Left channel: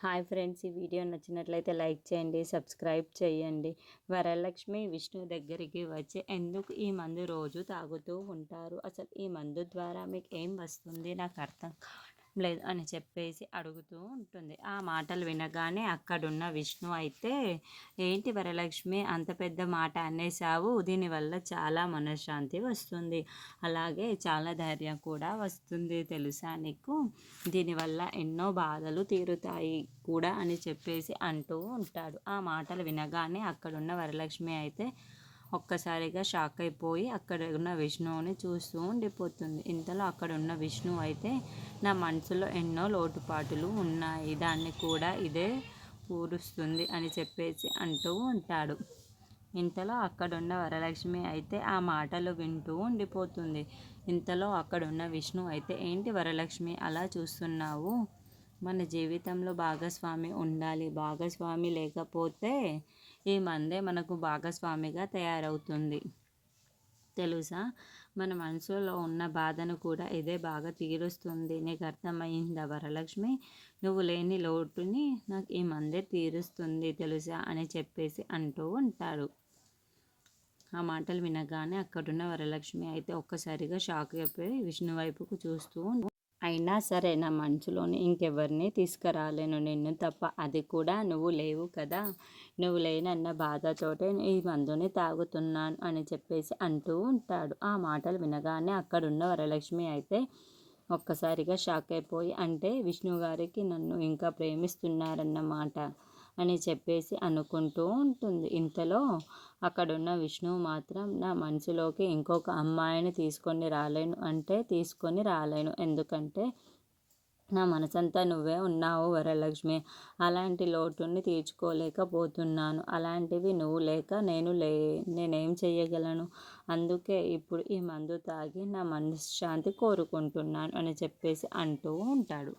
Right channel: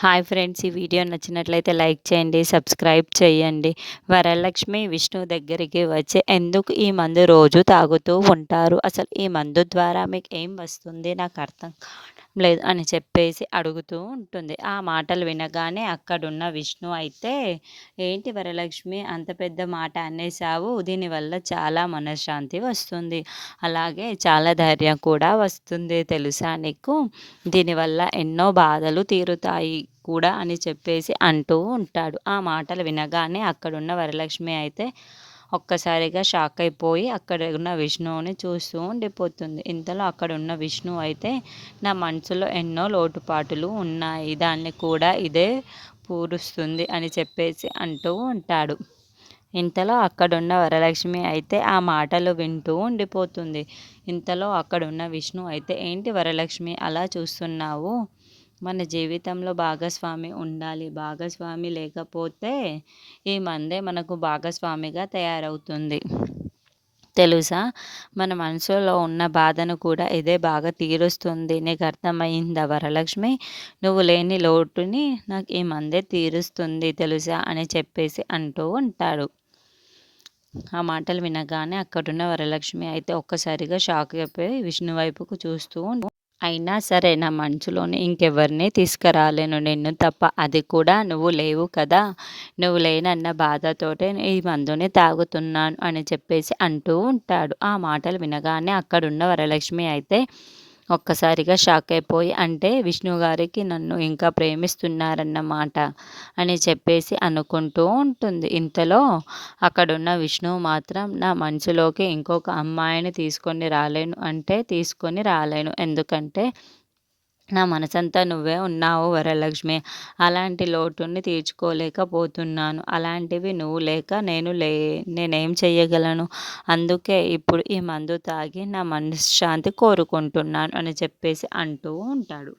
Hi friends! ఈ video నచ్చినట్లయితే like చేయండి, సబ్స్క్రైబ్ చేయండి. వరలక్ష్మి విష్ణువు దగ్గరికి వచ్చి ఎందుకు ఈ మందు రోజు తాగుతూ ఉంటారు? అసలు ఈ మందు ద్వారా మీకు ఏం వస్తుంది? నాకు అర్థం కావడం లేదు అని చెప్పేసి అడుగుతూ ఉంటుంది. ఆ మాటలు వినగానే అక్కడున్న విష్ణు అయితే, ఏంటి వరలక్ష్మి అంత పెద్ద మాట అనేసావు? దీనివల్ల చాలా మనశ్శాంతి వస్తుంది. అలాగే చాలా ధైర్యం కూడా వస్తుంది తెలుసా నీకు? దీనివల్ల ఎన్నో బాధలు తీరుతాయి కూడా అని చెప్పేసి అంటూ ఉంటాడు. ఆ మాటలు వినగానే అక్కడున్న వరలక్ష్మి అయితే ఒక్కసారిగా షాక్ అయిపోయి అక్కడ ఉన్న విష్ణువుని చూస్తూ ఉండిపోతుంది. ఇంతలో అక్కడున్న విష్ణువు అయితే, నా మనసులో ఎన్నో లోటుపాటులు ఉన్నాయి, దాన్ని కూడా ఇదే పూరుస్తుంది అని చెప్పేసి అంటూ ఉంటాడు. ఇంతలో అక్కడున్న వరలక్ష్మి అయితే ఆ మాటలు వింటూ ఉండిపోతుంది. ఇంతలో అక్కడున్న విష్ణు అయితే, ఏంటి వరలక్ష్మి అలా చూస్తున్నావు? మన జీవితంలో భాగస్వామి ఉండాలి. భాగస్వామి లేకపోతే ఈ మందే మనకు భాగస్వామిగా తయారవుతుంది. తెలుసా? మన మనసులో ఉన్న బాధను కూడా ఇదే బాగా తీరుస్తుంది. నీకు అర్థమయిందా వరలక్ష్మి? నువ్వు లేని లోటుని నాకు ఈ మందే తీరుస్తుంది తెలుసా అని చెప్పేసి అంటూ ఉంటాడు. ఆ మాటలు వినగానే అక్కడున్న వరలక్ష్మి అయితే ఒక్కసారిగా షాక్ అయిపోయి విష్ణు వైపుకు చూస్తూ అయినా సరే నా మనసులోని ఇంకెవరిని తీసుకురాలేను నిన్ను తప్ప. అది కూడా నువ్వు లేవు కదా! నువ్వు లేనన్న బాధతోటే ఈ మందుని తాగుతున్నాను అని చెప్పేసి అంటూ ఉంటాడు. ఆ మాటలు వినగానే అక్కడున్న వరలక్ష్మి అయితే ఒక్కసారిగా షాక్ అయిపోయి, అంటే విష్ణు గారికి నన్ను ఇంకా ప్రేమిస్తున్నారన్నమాట అని చెప్పేసి అనుకుంటూ ఉంటుంది. ఇంతలో అక్కడున్న విష్ణువు మాత్రం, నా మనసులోకి ఇంకొక అమ్మాయిని తీసుకొని రాలేను అంటే తీసుకొని రాలేను. ఎందుకంటే నా మనసంతా నువ్వే ఉన్నావు వరలక్ష్మి. అలాంటి లోటుని తీర్చుకోలేకపోతున్నాను. అలాంటివి నువ్వు లేక నేనేం చెయ్యగలను? అందుకే ఇప్పుడు ఈ మందు తాగి నా మనశ్శాంతి కోరుకుంటున్నాను అని చెప్పేసి అంటూ ఉంటాడు.